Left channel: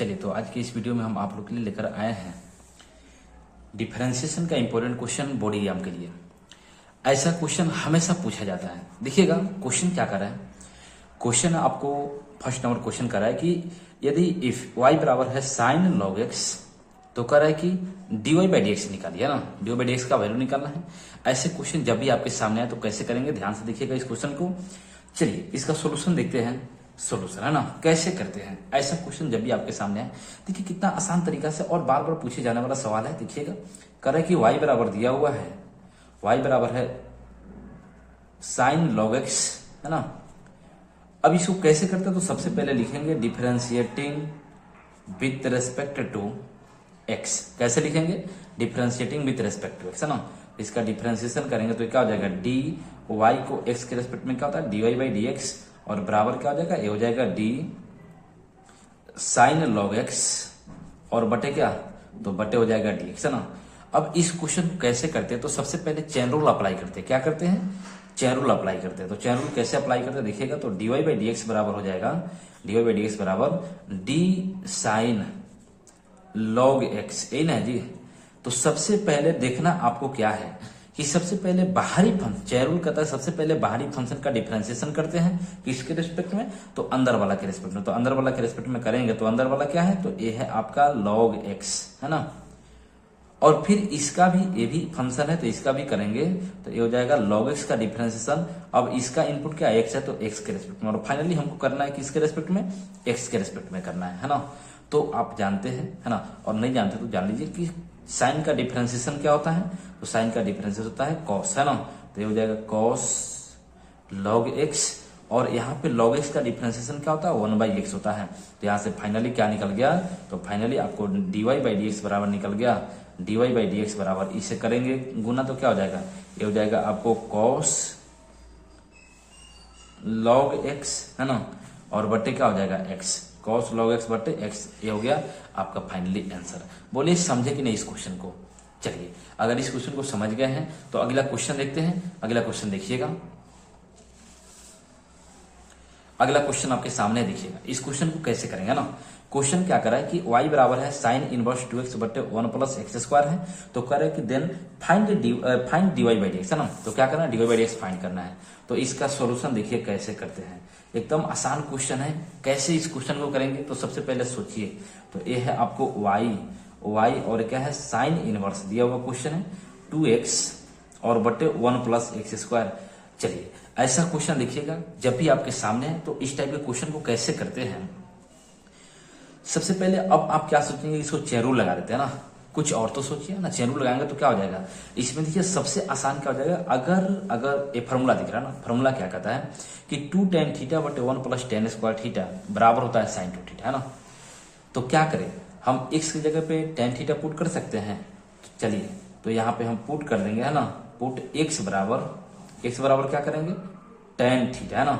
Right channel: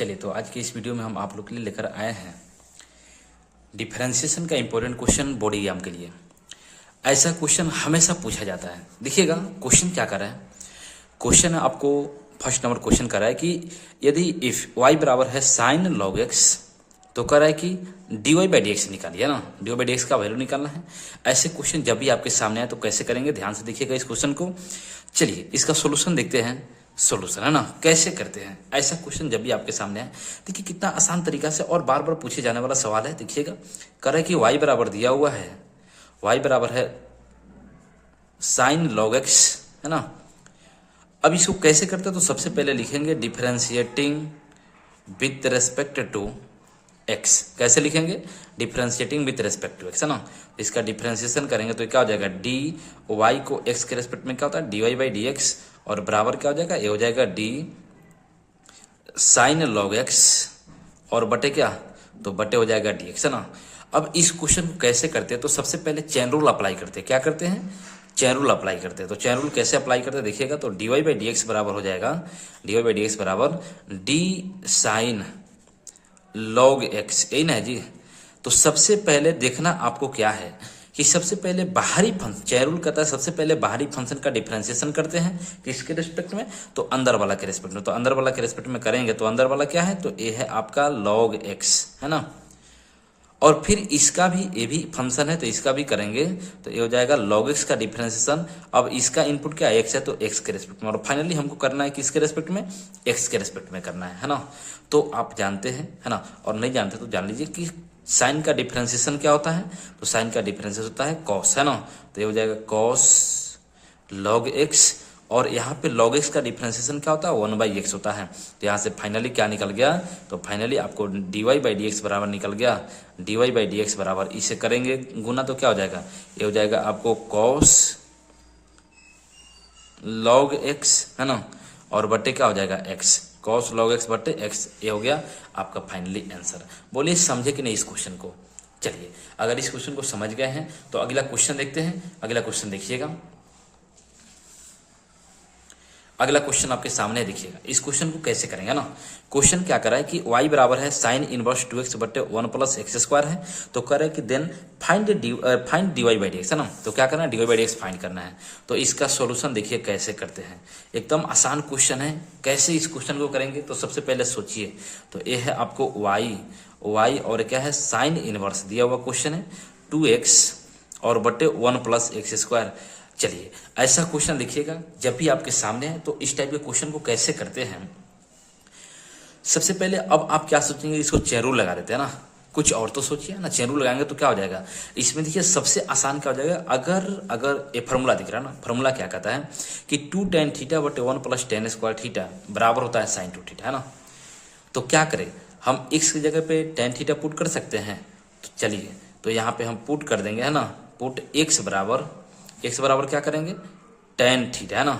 चलिए, तो आज की इस वीडियो में हम आप लोग के लिए लेकर आए हैं डिफरेंशिएशन का इंपॉर्टेंट क्वेश्चन बोर्ड एग्जाम के लिए। ऐसा क्वेश्चन हमेशा पूछा जाता है। देखिएगा क्वेश्चन क्या कर रहा है। क्वेश्चन आपको फर्स्ट नंबर क्वेश्चन कर रहा है कि यदि इफ y बराबर है साइन लॉग एक्स, तो कर रहा है कि dy बाई डी एक्स निकालिए ना, dy बाई डी एक्स का वैल्यू निकालना है। ऐसे क्वेश्चन जब भी आपके सामने आए तो कैसे करेंगे, ध्यान से देखिएगा इस क्वेश्चन को। चलिए इसका सोल्यूशन देखते हैं। सोल्यूशन है ना, कैसे करते हैं ऐसा क्वेश्चन जब भी आपके सामने आए। देखिए कितना आसान तरीका से और बार बार पूछे जाने वाला सवाल है। देखिएगा कर रहा है कि y बराबर दिया हुआ है, y बराबर है साइन लॉग एक्स, है ना। अब इसको कैसे करते हैं, तो सबसे पहले लिखेंगे differentiating with respect to X. कैसे लिखेंगे, differentiating with respect to X, है ना। इसका डिफरेंशिएशन करेंगे तो क्या हो जाएगा, डी वाई को एक्स के रेस्पेक्ट में क्या होता है D Y by D X, और बराबर क्या हो जाएगा, ये हो जाएगा डी साइन लॉग एक्स, और बटे क्या, तो बटे हो जाएगा डी एक्स, है ना। अब इस क्वेश्चन को कैसे करते हैं, तो सबसे पहले चेन रूल अप्लाई करते हैं। क्या करते हैं, चेन रूल अप्लाई करते हैं। तो चेन रूल कैसे अप्लाई करते हैं देखिएगा, तो D Y by D X बराबर हो जाएगा, D Y by D X बराबर डी साइन लॉग एक्स, यही ना है जी। तो सबसे पहले देखना आपको क्या है कि सबसे पहले बाहरी फंक्शन, चेन रूल कहता है सबसे पहले बाहरी फंक्शन का डिफरेंशिएशन करते हैं किसके रिस्पेक्ट में, तो अंदर वाला के रिस्पेक्ट में। तो अंदर वाला के रिस्पेक्ट में करेंगे तो अंदर वाला क्या है, तो ये है आपका लॉग एक्स, है ना। और फिर इसका भी, ये भी फंक्शन है तो इसका भी करेंगे तो ये हो जाएगा लॉग एक्स का डिफरेंशिएशन। अब इसका इनपुट क्या एक्स है, तो एक्स के रिस्पेक्ट में, और फाइनली हमको करना है किसके रिस्पेक्ट में, एक्स के रिस्पेक्ट में करना है ना। तो आप जानते हैं, है ना, और नहीं जानते तो जान लीजिए कि साइन का डिफरेंशिएशन क्या होता है, तो साइन का डिफरेंशिएशन होता है कॉस, है ना। तो ये हो जाएगा कॉस लॉग एक्स, और यहाँ पे लॉग एक्स का डिफरेंशिएशन क्या होता है, 1/x होता है। तो यहाँ से फाइनली क्या निकल गया, तो फाइनली आपको dy बाई डी एक्स बराबर निकल गया, dy बाई डी एक्स बराबर, इसे करेंगे गुना तो क्या हो जाएगा, ये हो जाएगा आपको cos log x, है ना, और बटे क्या हो जाएगा x, cos log x बटे x। ये हो गया आपका फाइनली आंसर। बोलिए समझे कि नहीं इस क्वेश्चन को। चलिए अगर इस क्वेश्चन को समझ गए हैं तो अगला क्वेश्चन देखते हैं। अगला क्वेश्चन देखिएगा, अगला क्वेश्चन आपके सामने देखिएगा। इस क्वेश्चन को कैसे करेंगे ना, क्वेश्चन क्या कर रहा है कि y बराबर है साइन इनवर्स 2x बटे 1 प्लस एक्स स्क्वायर है। तो कह रहा है कि then find dy by D X, है ना। तो क्या करना है, dy by D X find करना है। तो इसका सॉल्यूशन देखिए कैसे करते हैं, एकदम आसान क्वेश्चन है। कैसे इस क्वेश्चन को करेंगे, तो सबसे पहले सोचिए, तो ये है आपको y और क्या है साइन इनवर्स दिया हुआ क्वेश्चन है 2x और बटे 1 प्लस एक्स स्क्वायर। चलिए ऐसा क्वेश्चन देखिएगा जब भी आपके सामने है तो इस टाइप के क्वेश्चन को कैसे करते हैं। सबसे पहले अब आप क्या सोचेंगे, इसको चेन रूल लगा देते हैं ना। कुछ और तो सोचिए ना, चेन रूल लगाएंगे तो क्या हो जाएगा इसमें। देखिए सबसे आसान क्या हो जाएगा, अगर ये फार्मूला दिख रहा है ना, फार्मूला क्या कहता है कि 2 tan थीटा बटे 1 प्लस tan स्क्वायर थीटा बराबर होता है साइन 2 थीटा, है ना। तो क्या करें, हम x की जगह पे tan थीटा पुट कर सकते हैं। तो चलिए तो यहाँ पे हम पुट कर देंगे, है ना, पुट x बराबर क्या करेंगे tan थीटा, है ना,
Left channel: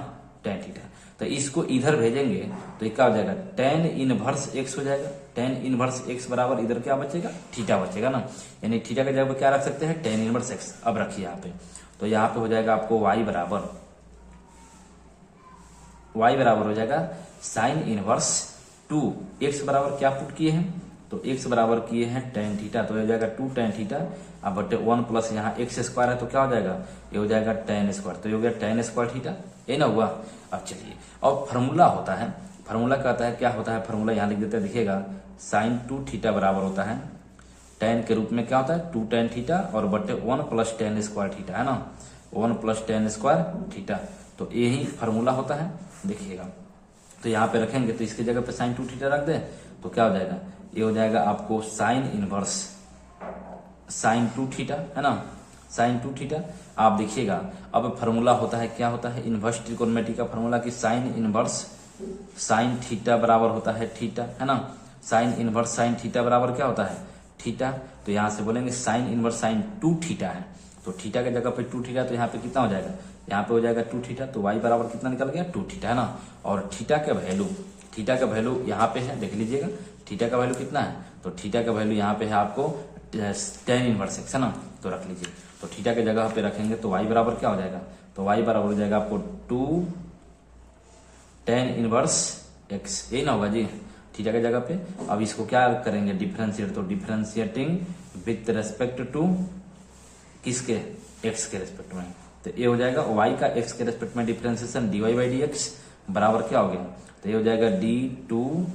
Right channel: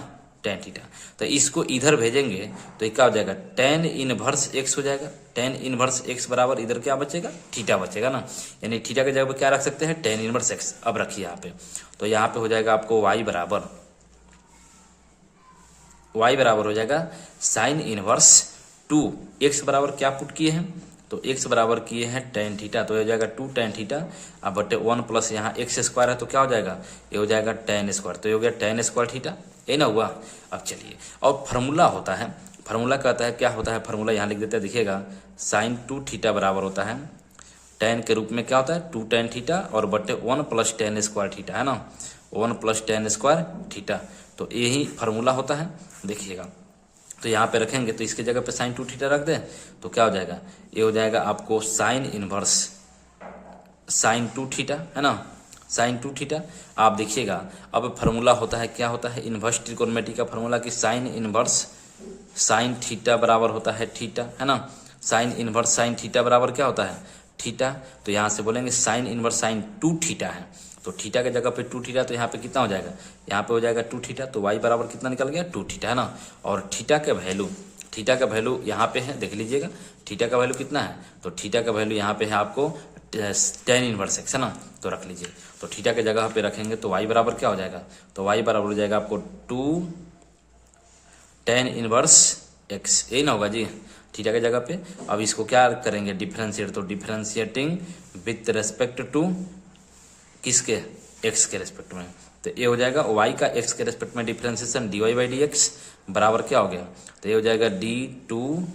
tan थीटा। तो इसको इधर भेजेंगे तो ये क्या हो जाएगा tan इनवर्स x हो जाएगा। tan इनवर्स x बराबर इधर क्या बचेगा, थीटा बचेगा ना, यानी थीटा की जगह पे क्या रख सकते हैं, tan इनवर्स x। अब रखिए यहाँ पे, तो यहाँ पे हो जाएगा आपको y बराबर हो जाएगा साइन इनवर्स 2, x बराबर क्या पुट किए हैं, तो x बराबर किए हैं tan थीटा, तो ये हो जाएगा 2 tan थीटा अब बटे 1 प्लस यहाँ एक्स स्क्वायर है तो क्या हो जाएगा, ये हो जाएगा tan स्क्वायर। तो ये हो गया tan स्क्वायर थीटा, ये ना हुआ। अब चलिए, और फार्मूला होता है, फार्मूला कहता है क्या होता है, फार्मूला यहाँ लिख देते हैं देखिएगा, साइन 2 थीटा बराबर होता है tan के रूप में क्या होता है 2 tan थीटा और बटे 1 प्लस tan स्क्वायर थीटा, है ना, 1 प्लस tan स्क्वायर थीटा। तो यही फार्मूला होता है देखिएगा। तो यहाँ पे रखेंगे तो इसके जगह पे साइन 2 थीटा रख दें तो क्या हो जाएगा, ये हो जाएगा आपको साइन इनवर्स साइन 2 थीटा, है ना, साइन 2 थीटा। आप देखिएगा अब फार्मूला होता है, क्या होता है, इनवर्स ट्रिकोनोमेट्री का फार्मूला कि साइन इनवर्स साइन थीटा बराबर होता है थीटा, है ना। साइन इनवर्स साइन थीटा बराबर क्या होता है, थीटा। तो यहाँ से बोलेंगे साइन इनवर्स साइन 2 थीटा है, तो थीटा के जगह पे 2 थीटा, तो यहाँ पे कितना हो जाएगा, यहाँ पे हो जाएगा 2 थीटा। तो y बराबर कितना निकल गया 2 थीटा, है ना। और थीटा का वैल्यू यहाँ पे है, देख लीजिएगा थीटा का वैल्यू कितना है, तो थीटा का वैल्यू यहाँ पे है आपको tan इनवर्स x, है ना। तो रख लीजिए, तो थीटा के जगह पे रखेंगे तो y बराबर क्या हो जाएगा, तो y बराबर हो जाएगा आपको 2 tan इनवर्स x, यही ना होगा जी। थीटा की जगह पे। अब इसको क्या करेंगे, डिफरेंशिएट, तो डिफरेंशिएटिंग विथ रेस्पेक्ट टू किसके, एक्स के रेस्पेक्ट में, तो ये हो जाएगा वाई का एक्स के रेस्पेक्ट में differentiation dy by D X बराबर क्या हो गया, तो ये हो जाएगा D two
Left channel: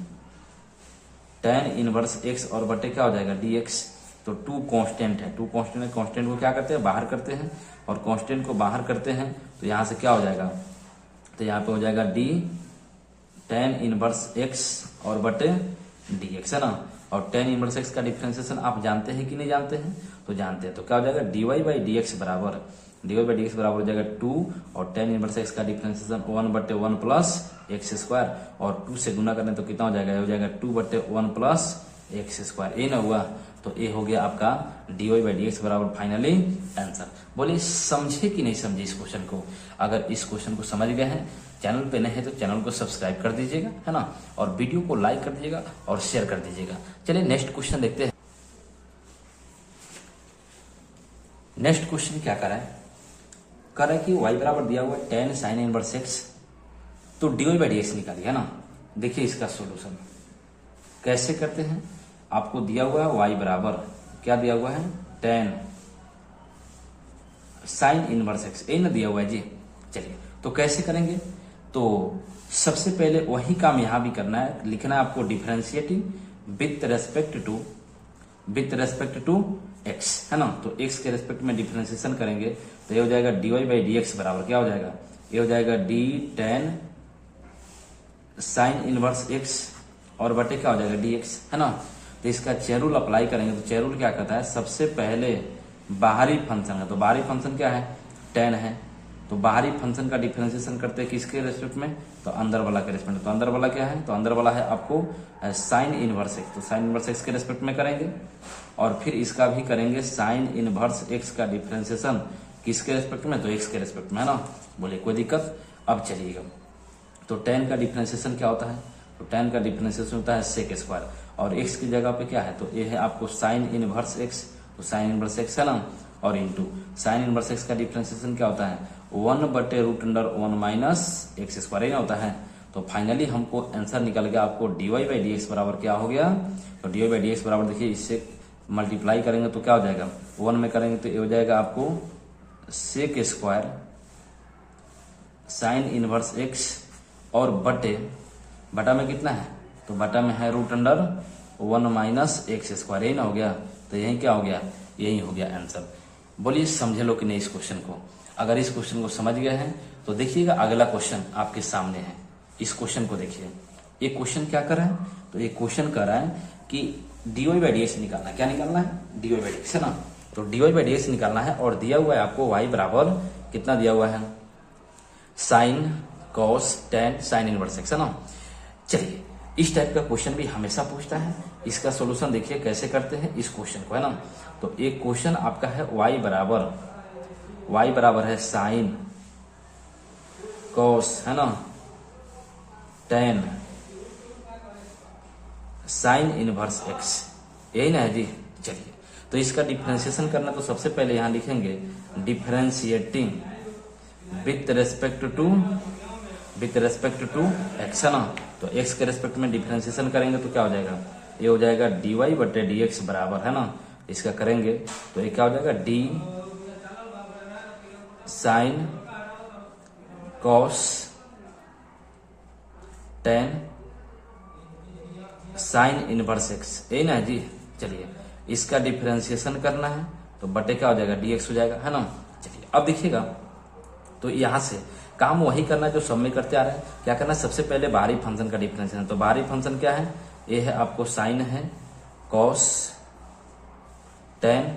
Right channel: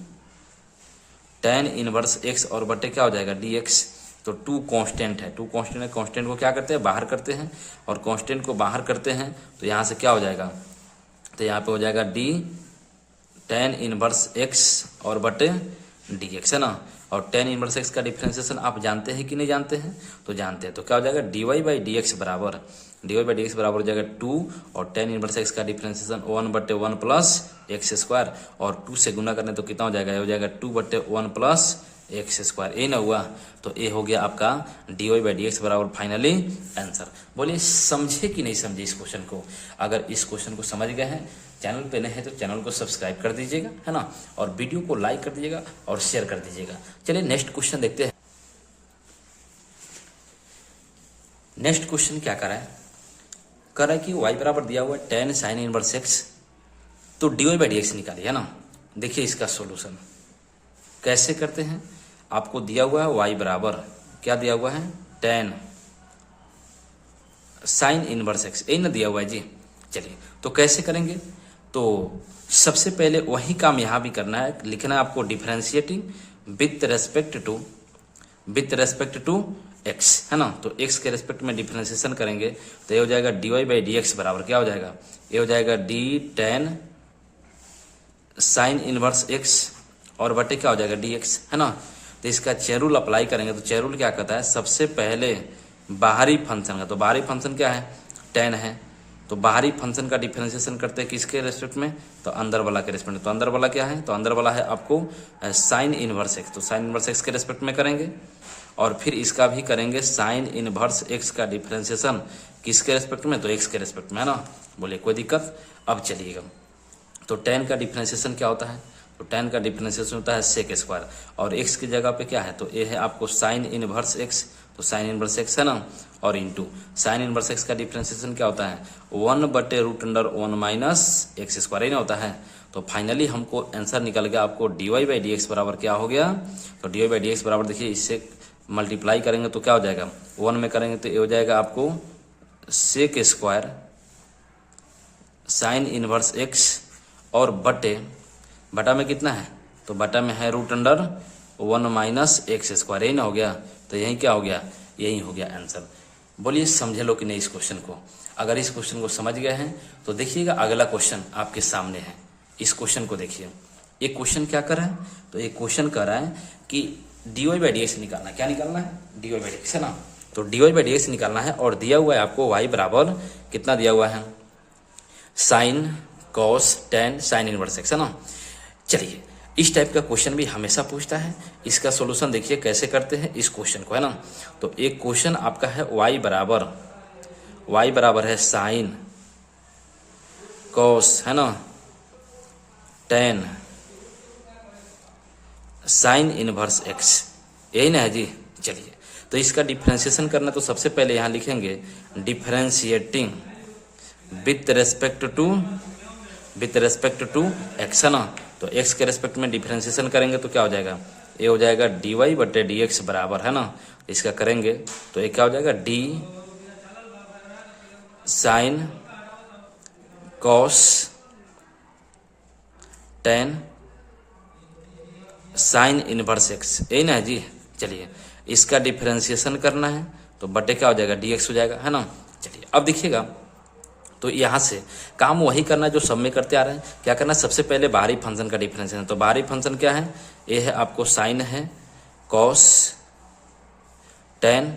tan inverse X और बटे क्या हो जाएगा dx। तो टू कांस्टेंट है, टू कांस्टेंट है, कांस्टेंट को क्या करते हैं, बाहर करते हैं, और कांस्टेंट को बाहर करते हैं तो यहाँ से क्या हो जाएगा, तो यहाँ पे हो जाएगा डी tan इनवर्स एक्स और बटे dx, है ना। और tan इनवर्स एक्स का डिफरेंशिएशन आप जानते हैं कि नहीं जानते हैं, तो जानते हैं, तो क्या हो जाएगा dy बाई डी एक्स बराबर, dy बाई डी एक्स बराबर हो जाएगा 2, और tan इनवर्स एक्स का डिफरेंशिएशन 1/1 प्लस एक्स स्क्वायर, और 2 से गुना करने तो कितना हो जाएगा, ये हो जाएगा 2/1 प्लस एक्स स्क्वायर, ये ना हुआ, तो ये हो गया आपका dy बाई डी एक्स बराबर फाइनली आंसर। बोलिए समझे कि नहीं समझे इस क्वेश्चन को। अगर इस क्वेश्चन को समझ गए हैं, चैनल पे नए हैं तो चैनल को सब्सक्राइब कर दीजिएगा, है ना, और वीडियो को लाइक कर दीजिएगा और शेयर कर दीजिएगा। चलिए नेक्स्ट क्वेश्चन देखते हैं। नेक्स्ट क्वेश्चन क्या कर रहा है कि y बराबर दिया हुआ है tan साइन इनवर्स एक्स, तो dy बाई डी एक्स निकालिए, है ना। देखिए इसका सॉल्यूशन कैसे करते हैं। आपको दिया हुआ है y बराबर क्या दिया हुआ है, tan साइन इनवर्स एक्स, यही ना दिया हुआ है जी। चलिए तो कैसे करेंगे, तो सबसे पहले वही काम यहाँ भी करना है, लिखना है आपको differentiating with respect to X, है ना। तो एक्स के रेस्पेक्ट में डिफरेंशिएशन करेंगे तो ये हो जाएगा dy बाई डी एक्स बराबर क्या हो जाएगा, ये हो जाएगा d tan sign inverse X और बटे क्या हो जाएगा dx, है ना। तो इसका चेन रूल अप्लाई करेंगे, तो चेन रूल क्या कहता है, सबसे पहले बाहरी फंक्शन का, तो बाहरी फंक्शन क्या है, tan है, तो बाहरी फंक्शन का डिफरेंशिएशन करते हैं किसके रेस्पेक्ट में, तो अंदर वाला के रेस्पेक्ट में। तो अंदर वाला क्या है, तो अंदर वाला है आपको साइन इनवर्स एक्स, तो साइन इनवर्स एक्स के रेस्पेक्ट में करेंगे, और फिर इसका भी करेंगे साइन इनवर्स एक्स का डिफरेंशिएशन किसके रेस्पेक्ट में, तो एक्स के रेस्पेक्ट में, है ना। बोले कोई दिक्कत। अब चलिएगा, तो tan का डिफरेंशिएशन क्या होता है, तो tan का डिफरेंशिएशन होता है सेक स्क्वायर, और x की जगह पे क्या है, तो ये है आपको साइन इनवर्स x, तो साइन इनवर्स x है ना, और इंटू साइन इनवर्स x का डिफरेंशिएशन क्या होता है, 1/√1 माइनस एक्स स्क्वायर, ही ना होता है। तो फाइनली हमको आंसर निकल गया आपको dy बाई डी एक्स बराबर क्या हो गया, तो dy बाई डी एक्स बराबर देखिए इससे मल्टीप्लाई करेंगे तो क्या हो जाएगा, 1 में करेंगे तो ये हो जाएगा आपको sec square sine inverse x और बटा में कितना है, तो बटा में है √1 माइनस एक्स स्क्वायर, यही ना हो गया। तो यही क्या हो गया, यही हो गया आंसर। बोलिए समझे लो कि नहीं इस क्वेश्चन को। अगर इस क्वेश्चन को समझ गए हैं तो देखिएगा अगला क्वेश्चन आपके सामने है, इस क्वेश्चन को देखिए। ये क्वेश्चन क्या कर रहा है, तो ये क्वेश्चन कर रहा है कि dy बाई डी एक्स निकालना है, क्या निकालना है, dy बाई डी एक्स, है ना। तो dy बाई डी एक्स निकालना है, और दिया हुआ है आपको y बराबर कितना दिया हुआ है, sine cos tan sign inverse x, है ना। चलिए इस टाइप का क्वेश्चन भी हमेशा पूछता है, इसका सॉल्यूशन देखिए कैसे करते हैं इस क्वेश्चन को, है ना। तो एक क्वेश्चन आपका है y बराबर है साइन कॉस, है ना, tan साइन इनवर्स एक्स, यही ना है जी। चलिए तो इसका डिफरेंशिएशन करना, तो सबसे पहले यहाँ लिखेंगे differentiating with respect to X, है ना। तो एक्स के रेस्पेक्ट में डिफरेंशिएशन करेंगे तो क्या हो जाएगा, ये हो जाएगा dy बटे डी एक्स बराबर, है ना। इसका करेंगे तो ये क्या हो जाएगा, d sine cos tan sign inverse x, यही ना है जी। चलिए इसका डिफरेंशिएशन करना है तो बटे क्या हो जाएगा, dx हो जाएगा, है ना। चलिए अब देखिएगा, तो यहाँ से काम वही करना जो सब में करते आ रहे हैं। क्या करना, सबसे पहले बाहरी फंक्शन का डिफरेंशिएशन, तो बाहरी फंक्शन क्या है, ये है आपको साइन है cos tan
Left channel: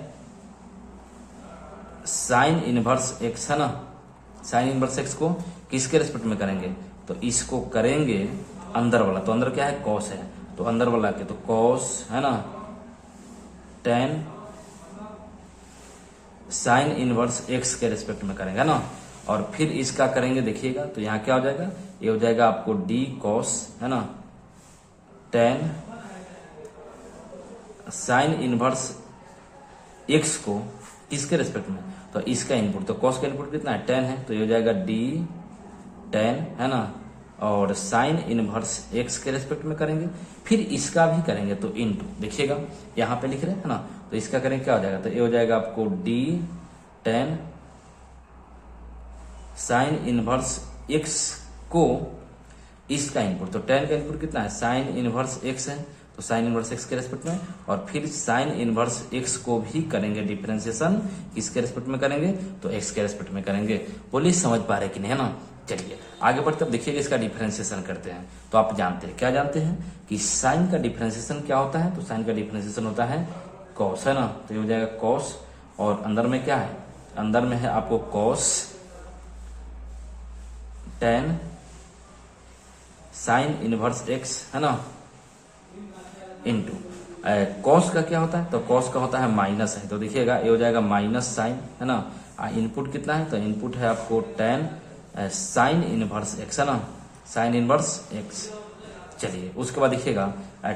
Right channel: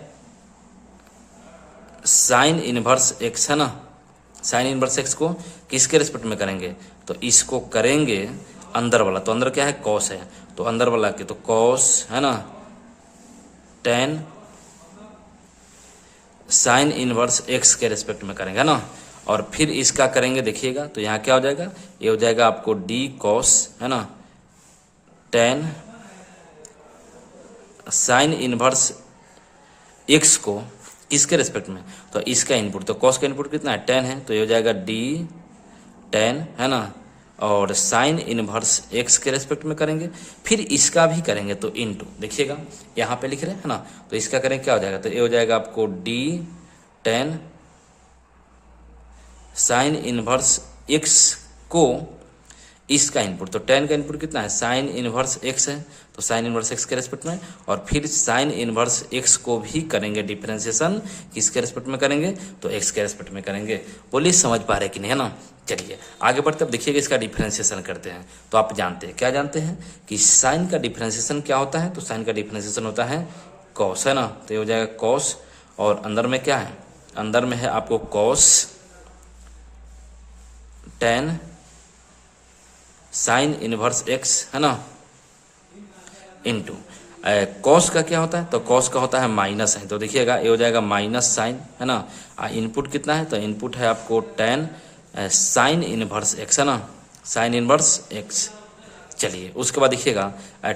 sign inverse x, है ना। साइन इनवर्स एक्स को किसके रेस्पेक्ट में करेंगे, तो इसको करेंगे अंदर वाला, तो अंदर क्या है, कॉस है, तो अंदर वाला के तो कॉस, है ना, tan साइन इनवर्स एक्स के रेस्पेक्ट में करेंगे, है ना। और फिर इसका करेंगे, देखिएगा तो यहाँ क्या हो जाएगा, ये हो जाएगा आपको d कॉस, है ना, tan साइन इनवर्स एक्स को किसके रेस्पेक्ट में, तो इसका इनपुट, तो कॉस का इनपुट कितना है, tan है, तो ये हो जाएगा d tan, है ना, और साइन इनवर्स एक्स के रेस्पेक्ट में करेंगे, फिर इसका भी करेंगे तो इनटू, देखिएगा यहाँ पे लिख रहे हैं ना, तो इसका करेंगे क्या हो जाएगा, तो ये हो जाएगा आपको D ten sine inverse x को इसका इनपुट, तो टेन का इनपुट कितना है, साइन इनवर्स एक्स है, तो साइन इनवर्स एक्स के रेस्पेक्ट में, और फिर साइन इनवर्स एक्स को भी करेंगे डिफरेंशिएशन, किसके रेस्पेक्ट में करेंगे, तो एक्स के रेस्पेक्ट में करेंगे। बोलिए समझ पा रहे कि नहीं, है ना। चलिए आगे बढ़ते, अब देखिएगा इसका डिफरेंशिएशन करते हैं। तो आप जानते हैं, क्या जानते हैं कि साइन का डिफरेंशिएशन क्या होता है, तो साइन का डिफरेंशिएशन होता है कॉस, है ना, तो ये हो जाएगा कॉस, और अंदर में क्या है, अंदर में है आपको cos tan sine inverse x, है ना, इनटू कॉस का क्या होता है, तो कॉस का होता है माइनस है, तो देखिएगा ये हो जाएगा माइनस साइन, है ना, इनपुट कितना है, तो इनपुट है आपको टेन साइन इनवर्स एक्स, है ना, साइन इनवर्स एक्स। चलिए उसके बाद देखिएगा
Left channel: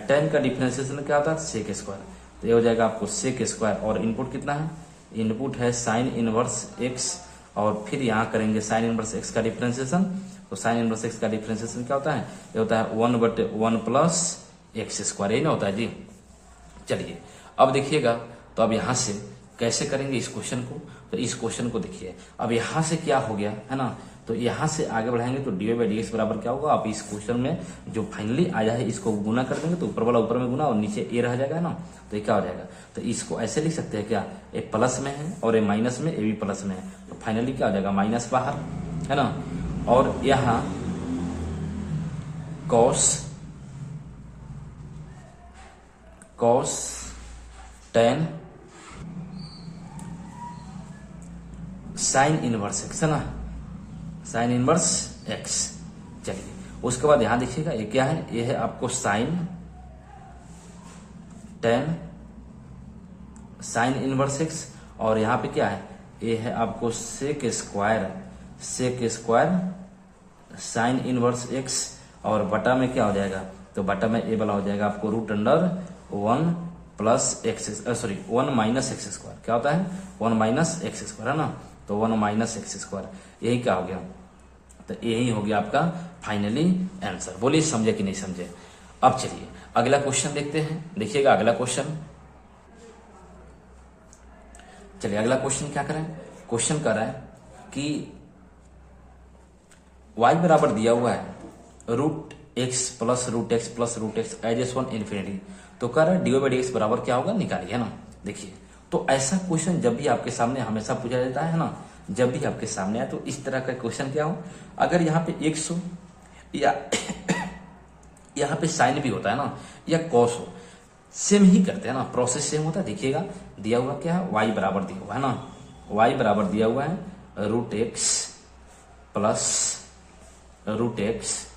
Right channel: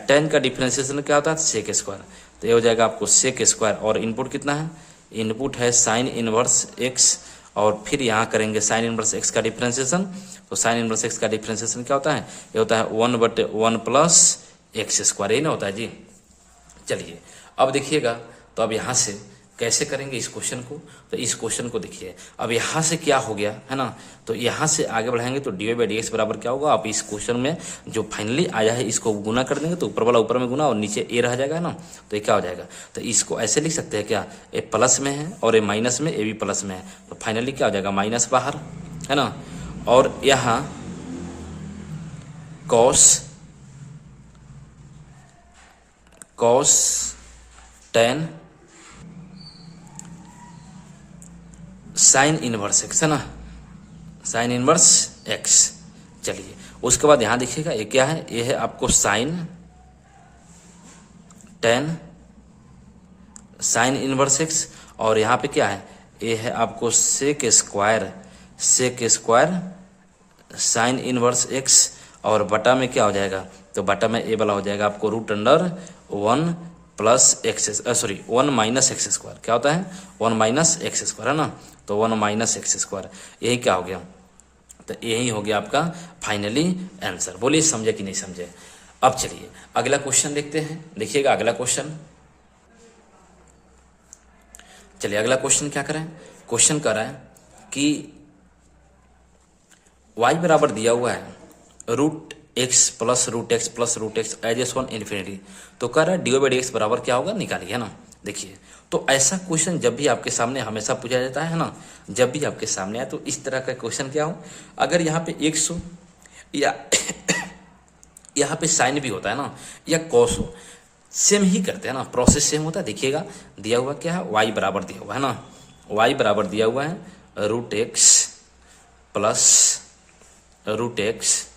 टेन का डिफरेंशिएशन क्या होता है, सेक स्क्वायर, तो ये हो जाएगा आपको सेक स्क्वायर, और इनपुट कितना है, इनपुट है साइन इनवर्स एक्स, और फिर यहाँ करेंगे साइन इनवर्स एक्स का डिफरेंशिएशन, तो साइन इनवर्स एक्स का डिफरेंशिएशन क्या होता है, ये होता है 1/1 प्लस एक्स स्क्वायर, यही ना होता है जी। चलिए अब देखिएगा, तो अब यहाँ से कैसे करेंगे इस क्वेश्चन को, तो इस क्वेश्चन को देखिए, अब यहाँ से क्या हो गया, है ना, तो यहाँ से आगे बढ़ाएंगे तो dy/dx बराबर क्या होगा, आप इस क्वेश्चन में जो फाइनली आया है इसको गुना कर देंगे, तो ऊपर वाला ऊपर में गुना और नीचे ए रह जाएगा, है ना, तो ये क्या हो जाएगा, तो इसको ऐसे लिख सकते हैं क्या, ए प्लस में है और ए माइनस में, ए भी प्लस में है, तो फाइनली क्या हो जाएगा, माइनस बाहर, है ना, और यहाँ cos tan sine inverse x, है ना, साइन इनवर्स एक्स। चलिए उसके बाद यहाँ देखिएगा ये क्या है, ये है आपको sine tan sine inverse X, और यहाँ पे क्या है, ये है आपको sec square sine inverse X, और बटा में क्या हो जाएगा, तो बटा में ए वाला हो जाएगा आपको √1 plus x, sorry 1 minus X square, क्या होता है 1 माइनस एक्स स्क्वायर, है ना, तो 1 माइनस एक्स स्क्वायर, यही क्या हो गया, तो यही हो गया आपका फाइनली आंसर। बोलिए समझे कि नहीं समझे। अब चलिए अगला क्वेश्चन देखते हैं, देखिएगा अगला क्वेश्चन, चलिए अगला क्वेश्चन क्या करें, क्वेश्चन कर रहा है कि y बराबर दिया हुआ है √x plus √x plus √x as one infinity, तो कर रहा है dy/dx बराबर क्या होगा, निकालिए, है ना। देखिए तो ऐसा क्वेश्चन जब भी आपके सामने हमेशा पूछा जाता है ना, जब भी आपके सामने आए, तो इस तरह का क्वेश्चन क्या हो, अगर यहाँ पे x हो या यहाँ पे साइन भी होता है ना, या कॉस हो, सेम ही करते हैं ना, प्रोसेस सेम होता है। देखिएगा दिया हुआ क्या है, y बराबर दिया हुआ है ना, y बराबर दिया हुआ है √x प्लस √x,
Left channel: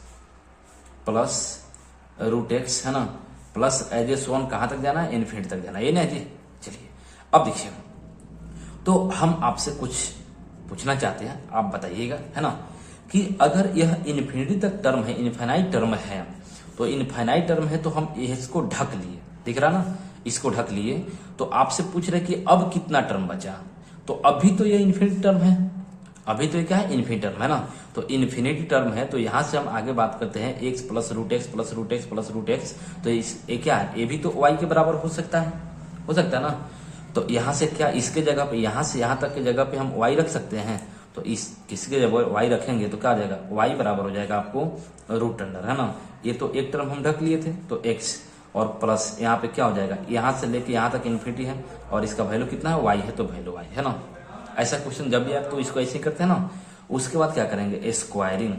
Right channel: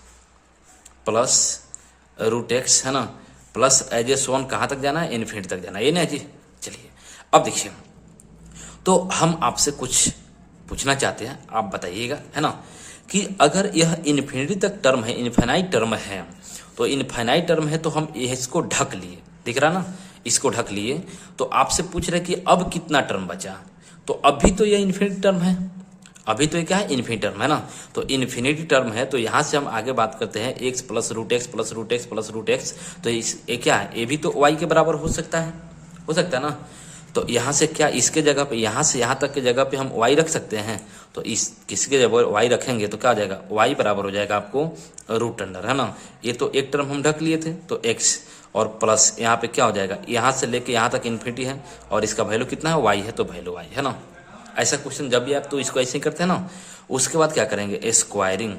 है ना, प्लस एज वन कहाँ तक जाना है, इन्फिनिटी तक जाना है, ये ना जी। चलिए अब देखिए, तो हम आपसे कुछ पूछना चाहते हैं, आप बताइएगा, है ना, कि अगर यह इन्फिनिटी तक टर्म है, इनफाइनाइट टर्म है, तो इनफाइनाइट टर्म है तो हम इसको ढक लिए, दिख रहा ना, इसको ढक लिए, तो आपसे पूछ रहे कि अब कितना टर्म बचा, तो अभी तो यह इन्फिनिटी टर्म है, अभी तो ये क्या है, इन्फिनिटी टर्म है ना, तो इन्फिनिटी टर्म है, तो यहाँ से हम आगे बात करते हैं x plus √x plus √x plus √x, तो ये क्या है, ये भी तो y के बराबर हो सकता है ना, तो यहाँ से क्या, इसके जगह पे, यहाँ से यहाँ तक के जगह पे हम y रख सकते हैं, तो इस किसके जब y रखेंगे तो क्या हो जाएगा, y बराबर हो जाएगा आपको √अंडर, है ना, ये तो एक टर्म हम ढक लिए थे, तो x और प्लस यहाँ पे क्या हो जाएगा, यहाँ से लेके यहाँ तक इन्फिनिटी है, और इसका वैल्यू कितना है, y है, तो वैल्यू y है ना। ऐसा क्वेश्चन जब भी आप तो इसको ऐसे ही करते हैं ना, उसके बाद क्या करेंगे, स्क्वायरिंग,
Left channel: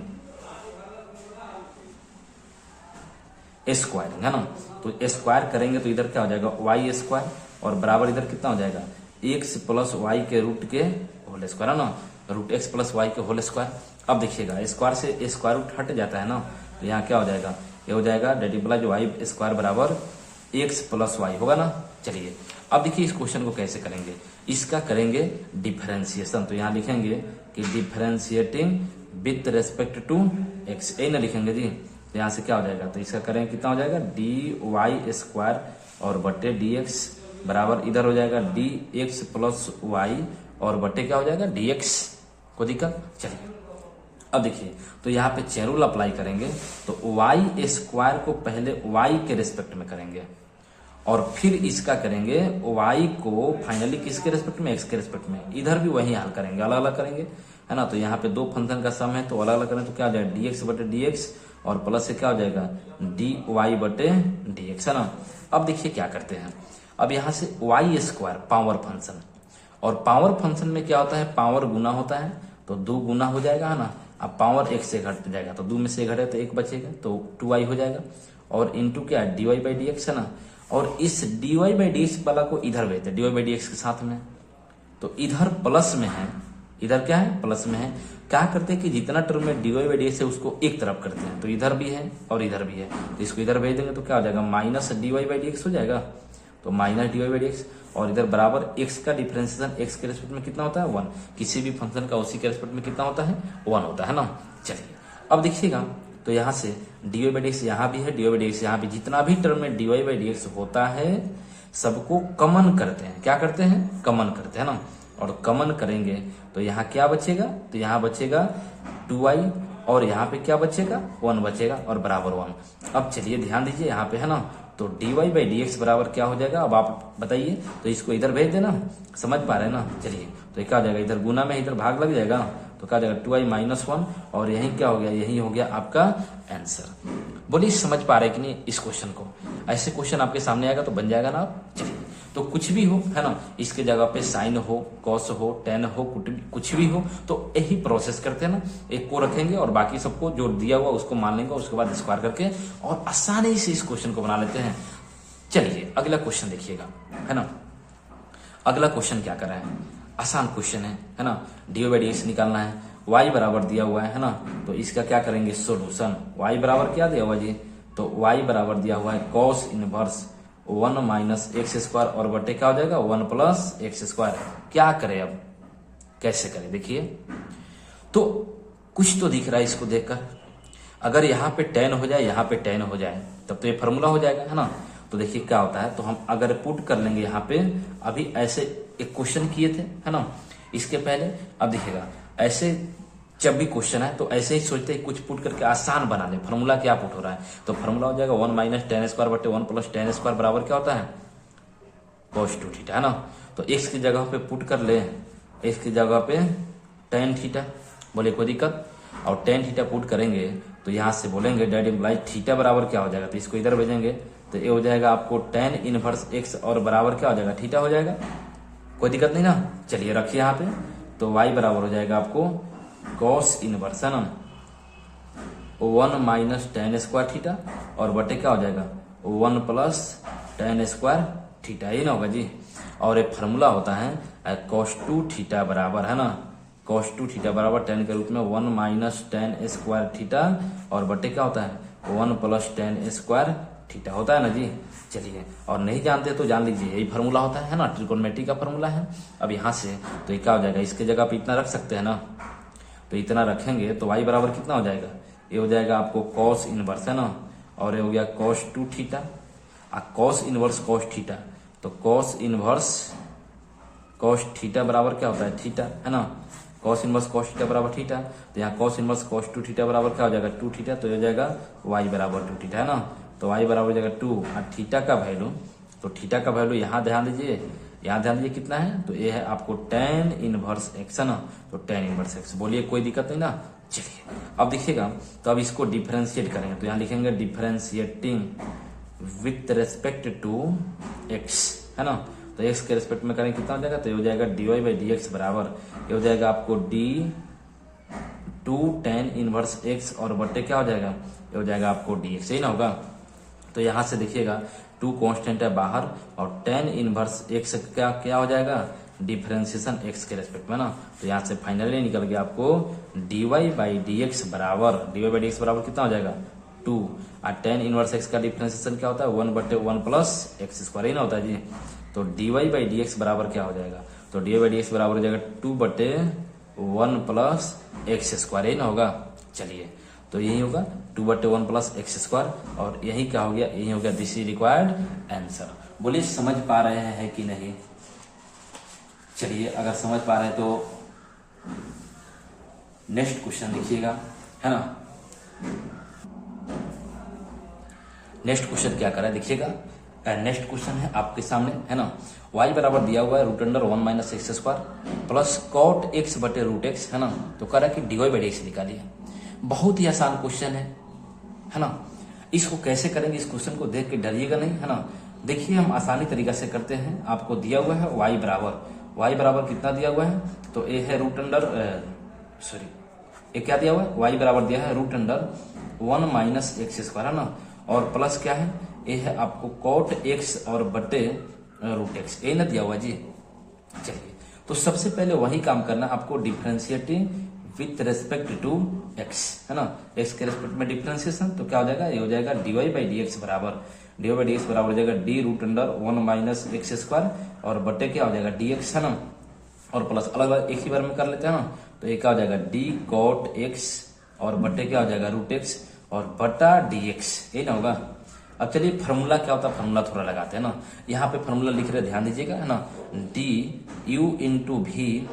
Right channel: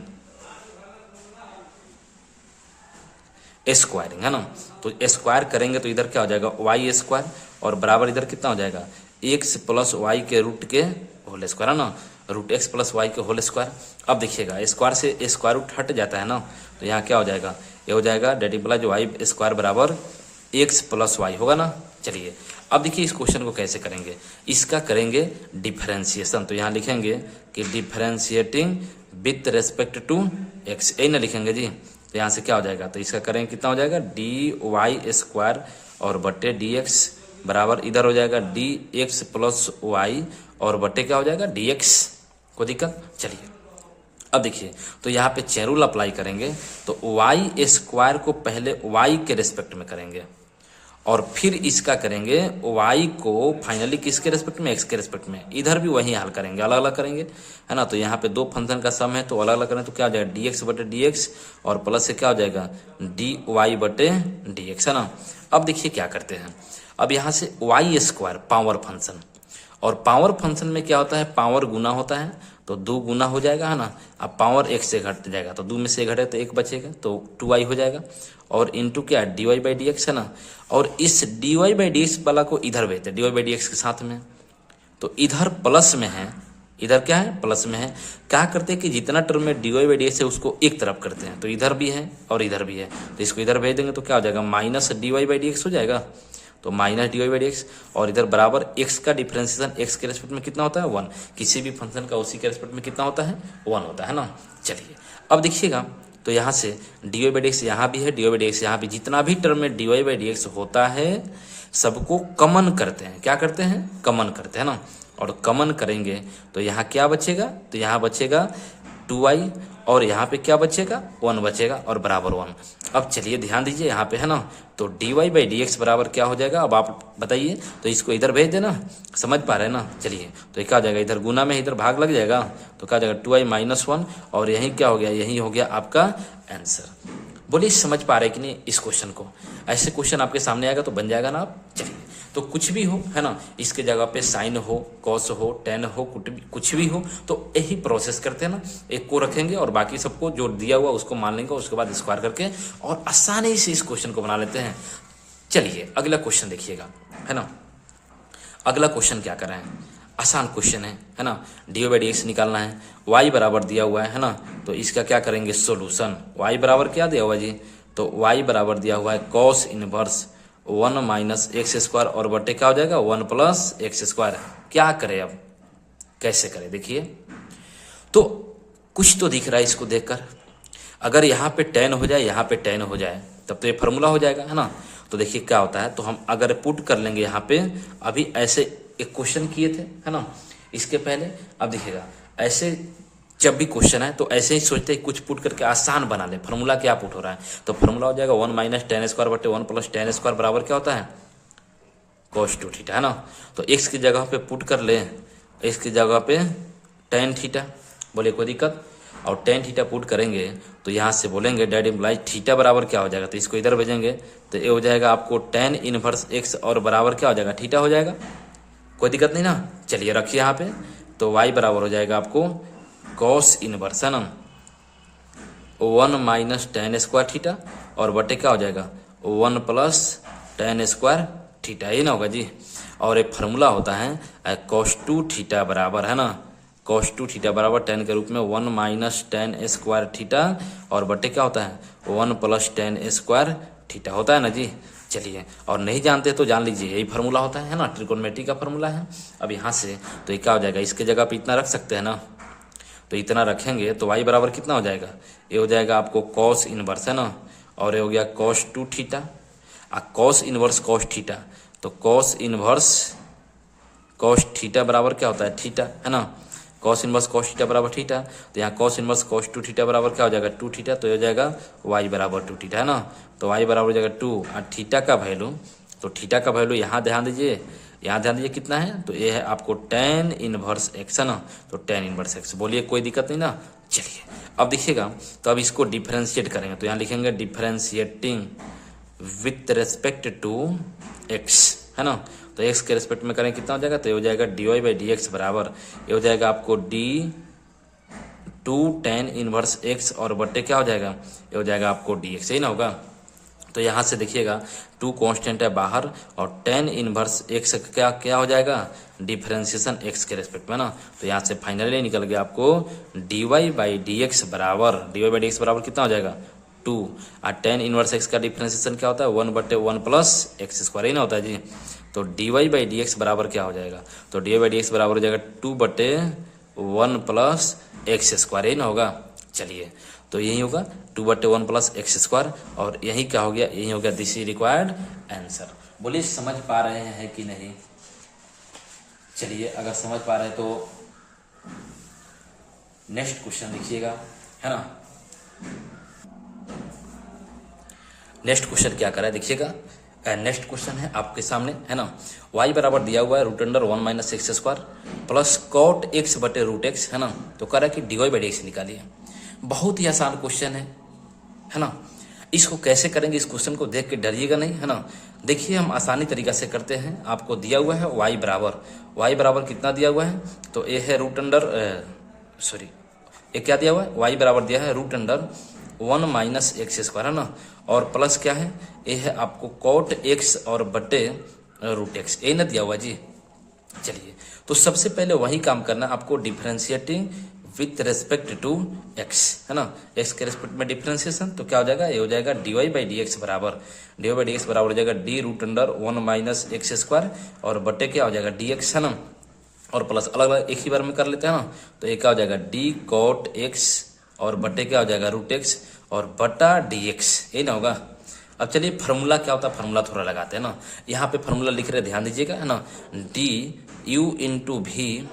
है ना, तो स्क्वायर करेंगे तो इधर क्या हो जाएगा, y स्क्वायर, और बराबर इधर कितना हो जाएगा, x प्लस वाई के रूट के होल स्क्वायर, है ना, √x प्लस वाई के होल स्क्वायर। अब देखिएगा स्क्वायर से स्क्वायर रूट हट जाता है ना, तो यहाँ क्या हो जाएगा, ये हो जाएगा डेटिबला जो y स्क्वायर बराबर x प्लस वाई होगा ना। चलिए अब देखिए इस क्वेश्चन को कैसे करेंगे, इसका करेंगे डिफरेंशिएशन, तो यहाँ लिखेंगे कि differentiating with respect to x, यही ना लिखेंगे जी, तो यहाँ से क्या हो जाएगा, तो इसका करेंगे कितना हो जाएगा, dy स्क्वायर और बट्टे dx बराबर इधर हो जाएगा dx प्लस वाई और बट्टे क्या हो जाएगा dx, को दिक्कत। चलिए अब देखिए, तो यहाँ पे चेन रूल अप्लाई करेंगे तो वाई स्क्वायर को पहले वाई के रिस्पेक्ट में करेंगे और फिर इसका करेंगे वाई को फाइनली किसके रिस्पेक्ट में, एक्स के रिस्पेक्ट में। इधर भी वही हाल करेंगे, अलग अलग करेंगे, है ना। तो यहाँ पे दो फंक्शन का सम है तो अलग अलग करें तो क्या हो जाएगा, डी एक्स बटे डी एक्स और प्लस से क्या हो जाएगा, डी वाई बटे डी एक्स, है ना। अब देखिए क्या करते हैं, अब यहाँ से वाई स्क्वायर पावर फंक्शन, और पावर फंक्शन में क्या होता है, पावर गुना होता है तो 2 गुना हो जाएगा, है ना। अब पावर एक से घट जाएगा तो 2 में से घटे तो 1 बचेगा तो 2y हो जाएगा, और इंटू क्या D Y by D X, है ना। और इस D Y by D X वाला को इधर भेजते हैं D Y by D X के साथ में, तो इधर प्लस में है, इधर क्या है, प्लस में है। क्या करते हैं कि जितना टर्म में D Y by D X है उसको एक तरफ करते हैं, तो इधर भी है और इधर भी है, तो इसको इधर भेज देंगे तो क्या हो जाएगा, minus D Y by D X हो जाएगा, तो minus D Y by D X, और इधर बराबर एक्स का डिफरेंशिएशन एक्स के रेस्पेक्ट में कितना होता है, 1। किसी भी फंक्शन का उसी के रेस्पेक्ट में कितना होता है, 1 होता है ना। चलिए अब देखिएगा, तो यहाँ से D Y by D X यहाँ भी है, D Y by D X यहाँ भी, जितना भी टर्म में D Y by D X होता है सबको कमन करते हैं, क्या करते हैं, कमन करते हैं ना। और कमन करेंगे तो यहाँ क्या बचेगा, तो यहाँ बचेगा 2y, और यहाँ पे क्या बचेगा, 1 बचेगा और बराबर 1। अब चलिए ध्यान दीजिए यहाँ पे, है ना, तो D Y by D X बराबर क्या हो जाएगा, अब आप बताइए, तो इसको इधर भेज देना, समझ पा रहे हैं ना। चलिए तो क्या हो जाएगा, इधर गुना में इधर भाग लग जाएगा तो क्या हो जाएगा 2y माइनस 1, और यही क्या हो गया, यही हो गया आपका आंसर। बोलिए समझ पा रहे कि नहीं इस क्वेश्चन को, ऐसे क्वेश्चन आपके सामने आएगा तो बन जाएगा ना आप। चलिए तो कुछ भी हो, है ना, इसके जगह पे साइन हो, कॉस हो, टेन हो, कुछ भी हो, तो यही प्रोसेस करते हैं ना, एक को रखेंगे और बाकी सबको जो दिया हुआ उसको मान लेंगे, उसके बाद स्क्वायर करके और आसानी से इस क्वेश्चन को बना लेते हैं। चलिए अगला क्वेश्चन देखिएगा, है ना। अगला क्वेश्चन क्या कर रहे हैं, आसान क्वेश्चन है ना। डी बाई डी एक्स निकालना है, y बराबर दिया हुआ है ना, तो इसका क्या करेंगे, सोल्यूशन। y बराबर क्या दिया हुआ जी, तो y बराबर दिया हुआ है cos inverse 1 minus X square, और बटे क्या हो जाएगा, 1 प्लस एक्स स्क्वायर। क्या करें अब, कैसे करें, देखिए तो कुछ तो दिख रहा है इसको देखकर, अगर यहाँ पे 10 हो जाए, यहाँ पे 10 हो जाए, तब तो ये फॉर्मूला हो जाएगा, है ना। तो देखिए क्या होता है, तो हम अगर पुट कर लेंगे यहाँ पे, अभी ऐसे एक क्वेश्चन किए थे, है ना, इसके पहले। अब देखिएगा ऐसे जब भी क्वेश्चन है तो ऐसे ही सोचते हैं कुछ पुट करके आसान बना दे। फॉर्मूला क्या पुट हो रहा है, तो फॉर्मूला हो जाएगा 1 माइनस टेन स्क्वायर बटे 1 प्लस टेन स्क्वायर बराबर क्या होता है, cos 2 थीटा, है ना। तो एक्स की जगह पे पुट कर ले, एक्स की जगह पे टेन थीटा, बोले कोई दिक्कत, और टेन थीटा पुट करेंगे तो यहाँ से बोलेंगे डेट इम्प्लाइज थीटा बराबर क्या हो जाएगा, तो इसको इधर भेजेंगे तो ये हो जाएगा आपको टेन इनवर्स एक्स, और बराबर क्या हो जाएगा, थीटा हो जाएगा, कोई दिक्कत नहीं ना। चलिए रखिए यहाँ पे, तो y बराबर हो जाएगा आपको कॉस इनवर्स, है ना, 1 माइनस टेन स्क्वायर थीटा, और बटे क्या हो जाएगा 1 प्लस टेन स्क्वायर थीटा, ये ना होगा जी। और एक फार्मूला होता है cos 2 थीटा बराबर, है ना, cos 2 थीटा बराबर 10 के रूप में 1 माइनस टेन स्क्वायर थीटा, और बटे क्या होता है 1 प्लस टेन स्क्वायर थीटा होता है ना जी। चलिए, और नहीं जानते तो जान लीजिए, यही फार्मूला होता है ना, ट्रिकोनोमेट्री का फार्मूला है। अब यहाँ से तो ये क्या हो जाएगा, इसके जगह पे इतना रख सकते हैं ना, तो इतना रखेंगे तो y बराबर कितना हो जाएगा, ये हो जाएगा आपको कॉस इनवर्स, है ना, और ये हो गया cos 2 theta, cos inverse cos theta, तो कॉस इनवर्स cos थीटा बराबर क्या होता है, थीटा, है ना, cos इनवर्स cos थीटा बराबर थीटा, तो यहाँ cos इनवर्स cos 2 थीटा बराबर क्या हो जाएगा 2 थीटा, तो ये हो जाएगा y बराबर 2 थीटा, है ना। तो y बराबर हो जाएगा 2, और थीटा का वैल्यू, तो थीटा का वैल्यू यहाँ ध्यान दीजिए, यहाँ ध्यान दीजिए कितना है, तो ये है आपको tan इनवर्स x, है ना, तो tan इनवर्स x, बोलिए कोई दिक्कत नहीं ना। चलिए अब देखिएगा, तो अब इसको डिफरेंशिएट करेंगे, तो यहाँ लिखेंगे differentiating with respect to x, है ना, तो x के रेस्पेक्ट में करें कितना हो जाएगा, तो ये हो जाएगा D Y by D X बराबर, ये हो जाएगा आपको d2 tan इनवर्स x, और बटे क्या हो जाएगा, ये हो जाएगा आपको dx, यही ना होगा। तो यहाँ से देखिएगा 2 कांस्टेंट है बाहर, और tan इनवर्स x क्या क्या हो जाएगा, डिफरेंशिएशन x के रेस्पेक्ट में ना, तो यहाँ से फाइनली निकल गया आपको dy बाई डी एक्स बराबर, dy बाई डी एक्स बराबर कितना हो जाएगा 2, और tan इनवर्स x का डिफरेंशिएशन क्या होता है 1 बटे 1 प्लस एक्स स्क्वायर, ही ना होता है जी। तो dy बाई डी एक्स बराबर क्या हो जाएगा, तो dy बाई डी एक्स बराबर हो जाएगा 2 बटे 1 प्लस एक्स स्क्वायर, ही ना होगा। चलिए तो यही होगा 2 बटे 1 प्लस एक्स स्क्वायर, और यही क्या हो गया, यही हो गया दिस इज रिक्वायर्ड आंसर। बोलिए समझ पा रहे हैं कि नहीं। चलिए अगर समझ पा रहे हैं तो नेक्स्ट क्वेश्चन देखिएगा, है ना। नेक्स्ट क्वेश्चन क्या करा है देखिएगा। नेक्स्ट क्वेश्चन है आपके सामने, है ना। y बराबर दिया हुआ है root under 1 minus X square plus cot X बटे रूट एक्स, है ना। तो कह रहा है कि dy बाई डी एक्स निकालिए। बहुत ही आसान क्वेश्चन है ना। इसको कैसे करेंगे, इस क्वेश्चन को देख के डरिएगा नहीं, है ना। देखिए हम आसानी तरीका से करते हैं। आपको दिया हुआ है y बराबर कितना दिया हुआ है, तो ये है रूट अंडर ये क्या दिया हुआ है, y बराबर दिया है root under 1 minus X square, है ना। और प्लस क्या है, ये है आपको कॉट एक्स और बटे रूट एक्स, ये ना दिया हुआ जी। चलिए, तो सबसे पहले वही काम करना आपको, differentiating with respect to X, है ना। एक्स के रेस्पेक्ट में डिफरेंशिएशन, तो क्या हो जाएगा, ये हो जाएगा dy बाई डी एक्स बराबर हो जाएगा d root under 1 minus X square और बटे क्या हो जाएगा dx, है ना। और प्लस अलग अलग एक ही बार में कर लेते हैं ना, तो ये क्या हो जाएगा d कॉट एक्स और बटे क्या हो जाएगा रूट एक्स और बटा dx, ये ना होगा। अब चलिए फार्मूला क्या होता है, फार्मूला थोड़ा लगाते हैं ना। यहाँ पे फार्मूला लिख रहे, ध्यान दीजिएगा, है ना। डी यू इंटू भी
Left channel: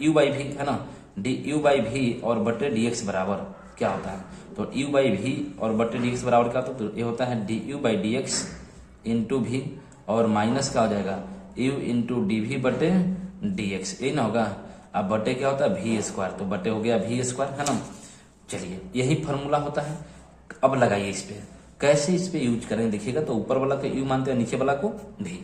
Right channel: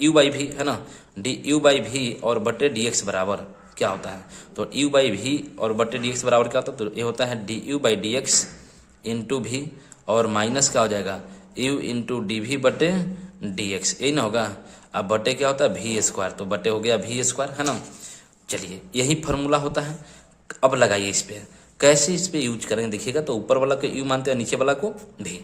यू बाई भी, है ना। डी यू बाई भी और बटे डी एक्स बराबर क्या होता है, तो यू बाई भी और बटे डी एक्स बराबर क्या होता है, तो ये होता है D you by D x into भी और माइनस क्या हो जाएगा यू इंटू डी भी बटे डी एक्स, यही ना होगा। अब बटे क्या होता है भी स्क्वायर, तो बटे हो गया भी स्क्वायर, है ना। चलिए, यही फार्मूला होता है। अब लगाइए इस पे, कैसे इस पे यूज करेंगे देखिएगा। तो ऊपर वाला को यू मानते हैं, नीचे वाला को भी,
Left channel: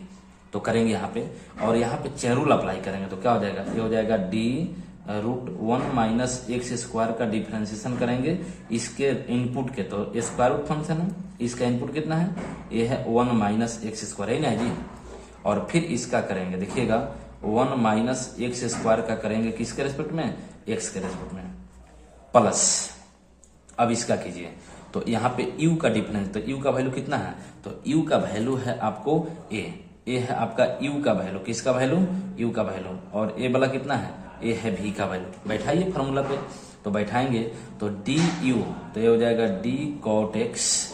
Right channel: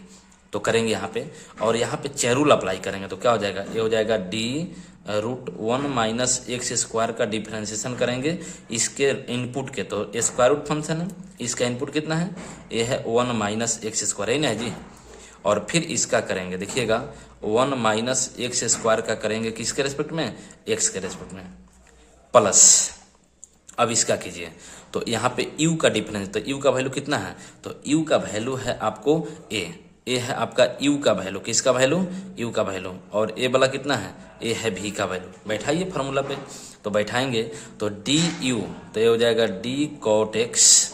तो करेंगे यहाँ पे। और यहाँ पे चेन रूल अप्लाई करेंगे, तो क्या हो जाएगा, ये हो जाएगा D root 1 minus X square का डिफरेंशिएशन करेंगे इसके इनपुट के, तो स्क्वायर रूट फंक्शन है, इसका इनपुट कितना है, ये है 1 माइनस एक्स स्क्वायर, है ना जी। और फिर इसका करेंगे देखिएगा 1 माइनस एक्स स्क्वायर का करेंगे किसके रेस्पेक्ट में, एक्स के रेस्पेक्ट में, प्लस अब इसका कीजिए। तो यहाँ पे u का डिफरेंस, तो u का वैल्यू कितना है, तो u का वैल्यू है आपको a है आपका u का वैल्यू, किसका वैल्यू, u का वैल्यू। और a वाला कितना है, a है v का वैल्यू। बैठाइए फार्मूला पे, तो बैठाएंगे तो du, तो ये हो जाएगा d cot x